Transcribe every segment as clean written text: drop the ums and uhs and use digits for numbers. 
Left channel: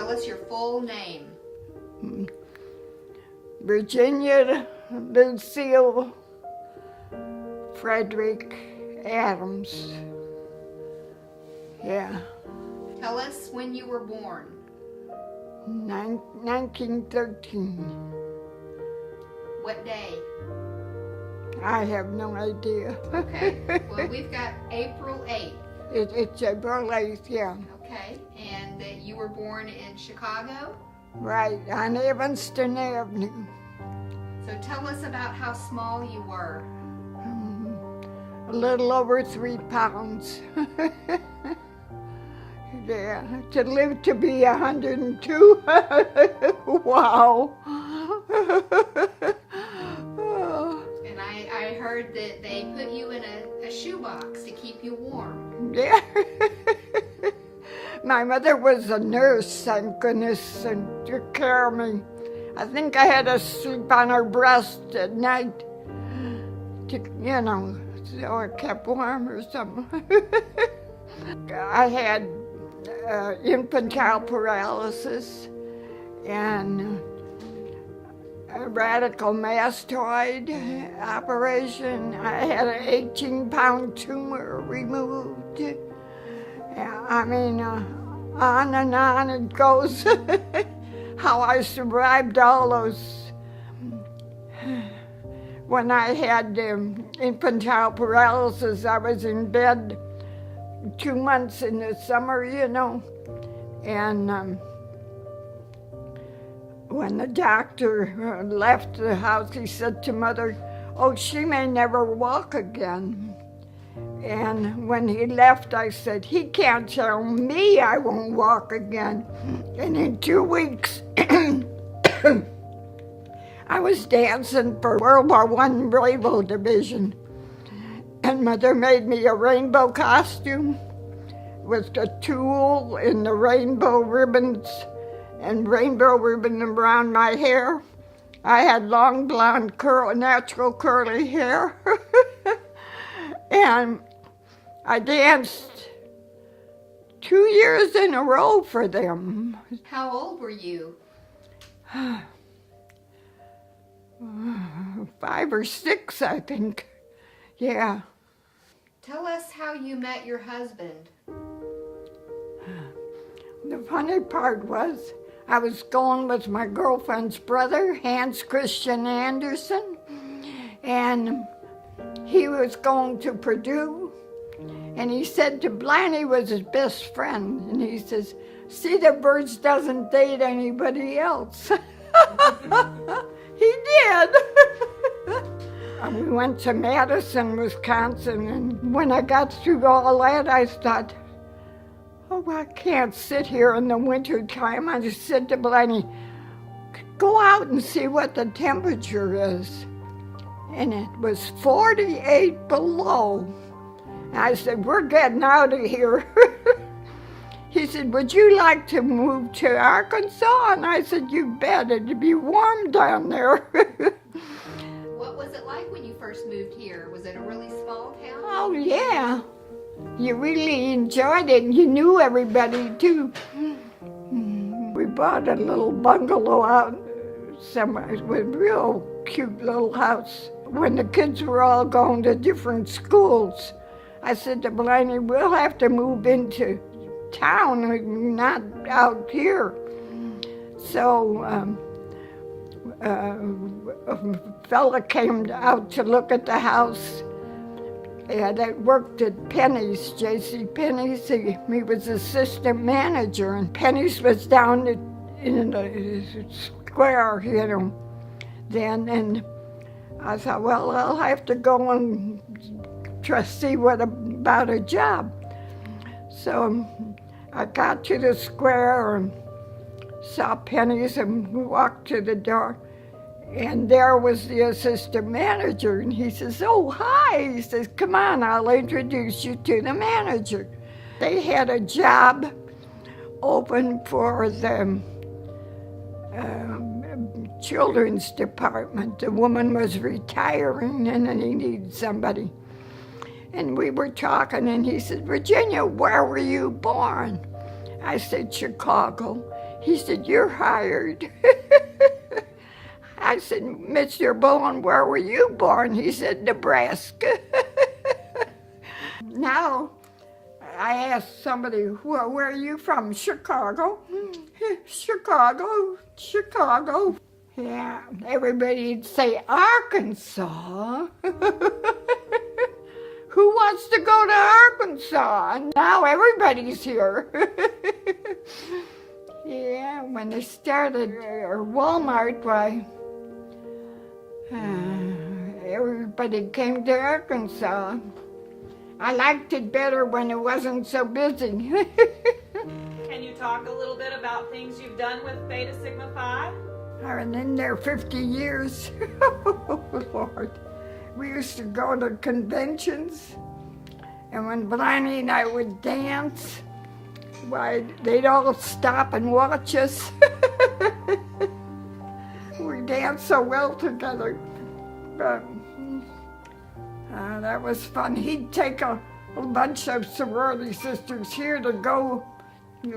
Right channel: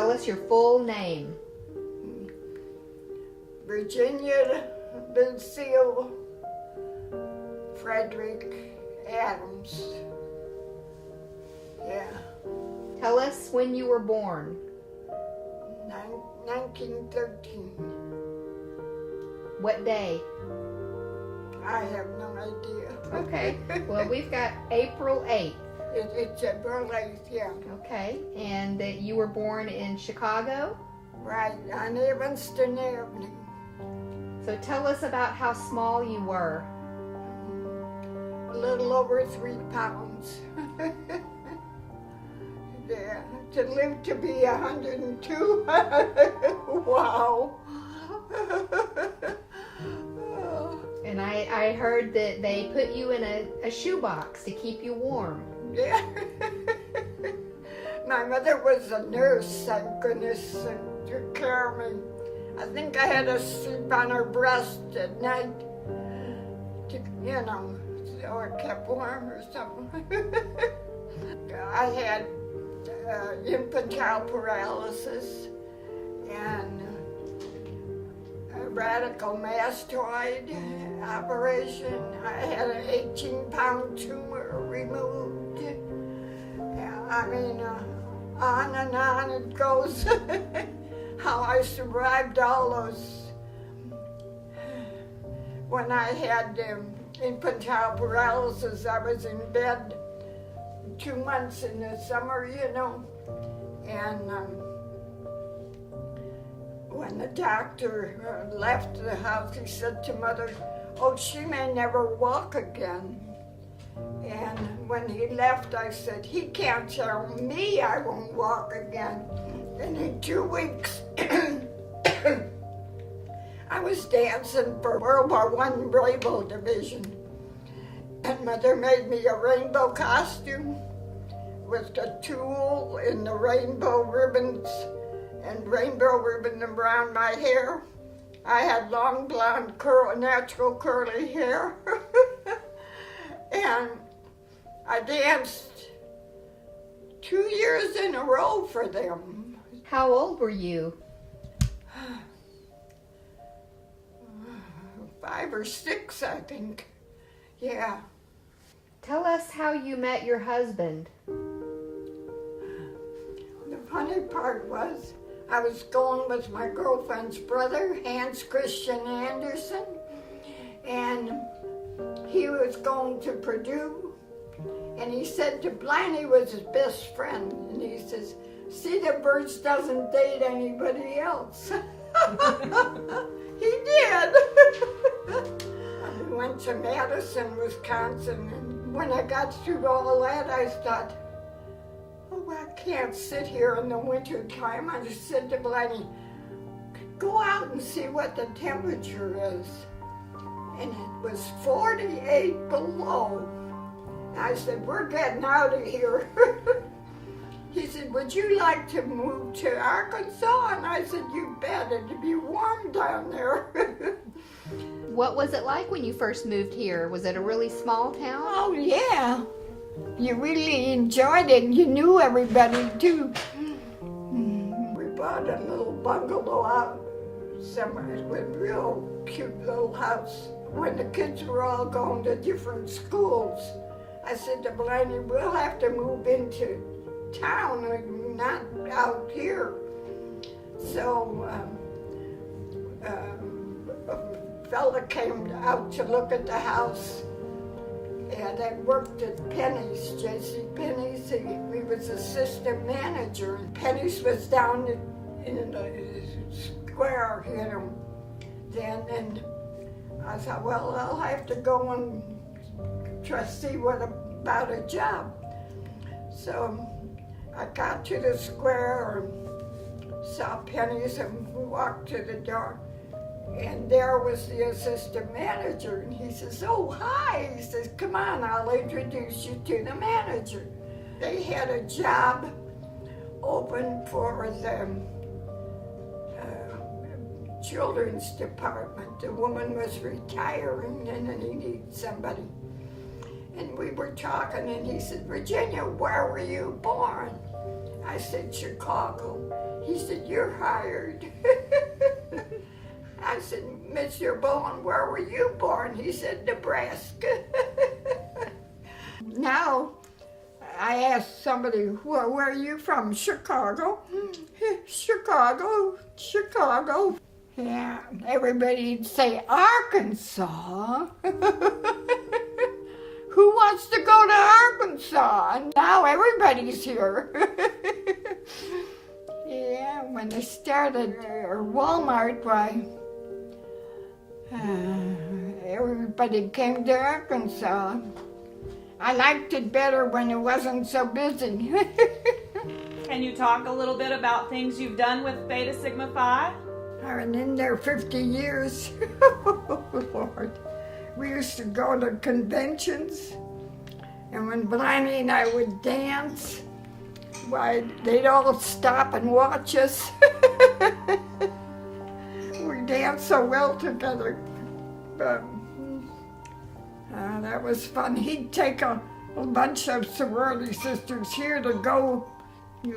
Tell us your full name. Virginia Lucille Frederick Adams. Yeah. Tell us when you were born. 1913. What day? I have no idea. Okay. Well, we've got April 8th. It's April 8th, yeah. Okay. And that you were born in Chicago? Right, on Evanston Avenue. So tell us about how small you were. A little over 3 pounds. Yeah, to live to be 102. Wow. And I heard that they put you in a shoebox to keep you warm. Yeah. My mother was a nurse, thank goodness, and took care of me. I think I had to sleep on her breast at night to, so I kept warm or something. I had infantile paralysis and a radical mastoid operation. I had an 18-pound tumor removed. I mean, on and on it goes. How I survived all those. When I had infantile paralysis, I was in bed 2 months in the summer, and when the doctor left the house, he said to Mother, "Oh, she may never walk again." And when he left, I said, "He can't tell me I won't walk again." And in 2 weeks, I was dancing for World War I Naval Division. And Mother made me a rainbow costume with the tulle and the rainbow ribbons and rainbow ribbon around my hair. I had long blonde natural curly hair. And I danced 2 years in a row for them. How old were you? 5 or 6, I think. Yeah. Tell us how you met your husband. The funny part was, I was going with my girlfriend's brother, Hans Christian Andersen, and he was going to Purdue, and he said to Blaney was his best friend, and he says, "See that Birds doesn't date anybody else." He did. We went to Madison, Wisconsin, and when I got through all that, I thought, "Oh, I can't sit here in the winter time." I just said to Blaney, "Go out and see what the temperature is." And it was 48 below. And I said, "We're getting out of here." He said, "Would you like to move to Arkansas?" And I said, "You bet, it'd be warm down there." What was it like when you first moved here? Was it a really small town? Oh, yeah. You really enjoyed it. You knew everybody, too. We bought a little bungalow out somewhere with a real cute little house. When the kids were all going to different schools, I said to Blaney, "We'll have to move into town, not out here." So a fella came out to look at the house, and I worked at Penny's, J.C. Penny's. He was assistant manager, and Penny's was down in the square, then, and I thought, well, I'll have to go and try to see what about a job. So I got to the square and saw Penny's and walked to the door. And there was the assistant manager, and he says, "Oh, hi." He says, "Come on, I'll introduce you to the manager." They had a job open for the children's department. The woman was retiring, and then he needed somebody. And we were talking, and he said, "Virginia, where were you born?" I said, "Chicago." He said, "You're hired." I said, "Mr. Bowen, where were you born?" He said, "Nebraska." Now, I asked somebody, "Well, where are you from?" "Chicago." "Chicago, Chicago." Yeah, everybody'd say, "Arkansas." Who wants to go to Arkansas? And now everybody's here. Yeah, when they started Walmart, why, everybody came to Arkansas. I liked it better when it wasn't so busy. Can you talk a little bit about things you've done with Beta Sigma Phi? I've been in there 50 years. Oh, Lord. We used to go to conventions, and when Blaney and I would dance, why, they'd all stop and watch us. We danced so well together. But that was fun. He'd take a bunch of sorority sisters here to go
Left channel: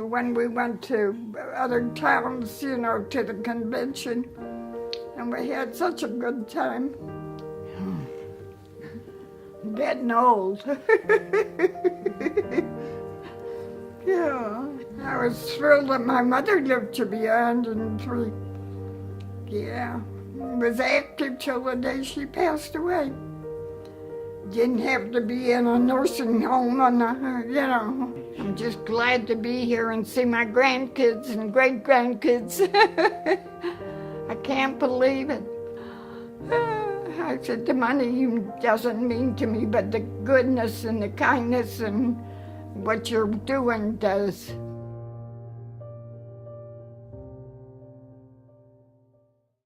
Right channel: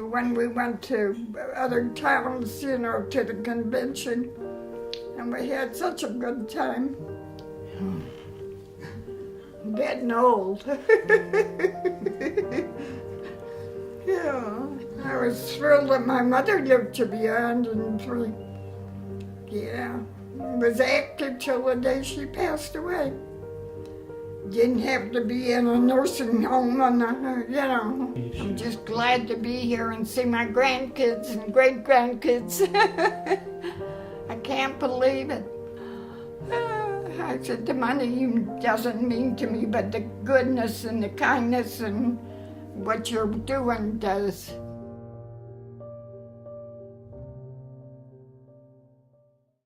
when we went to other towns, to the convention. And we had such a good time. Getting old. Yeah, I was thrilled that my mother lived to be 103. Yeah, was active till the day she passed away. Didn't have to be in a nursing home, I'm just glad to be here and see my grandkids and great-grandkids. I can't believe it. I said, the money doesn't mean to me, but the goodness and the kindness and what you're doing does.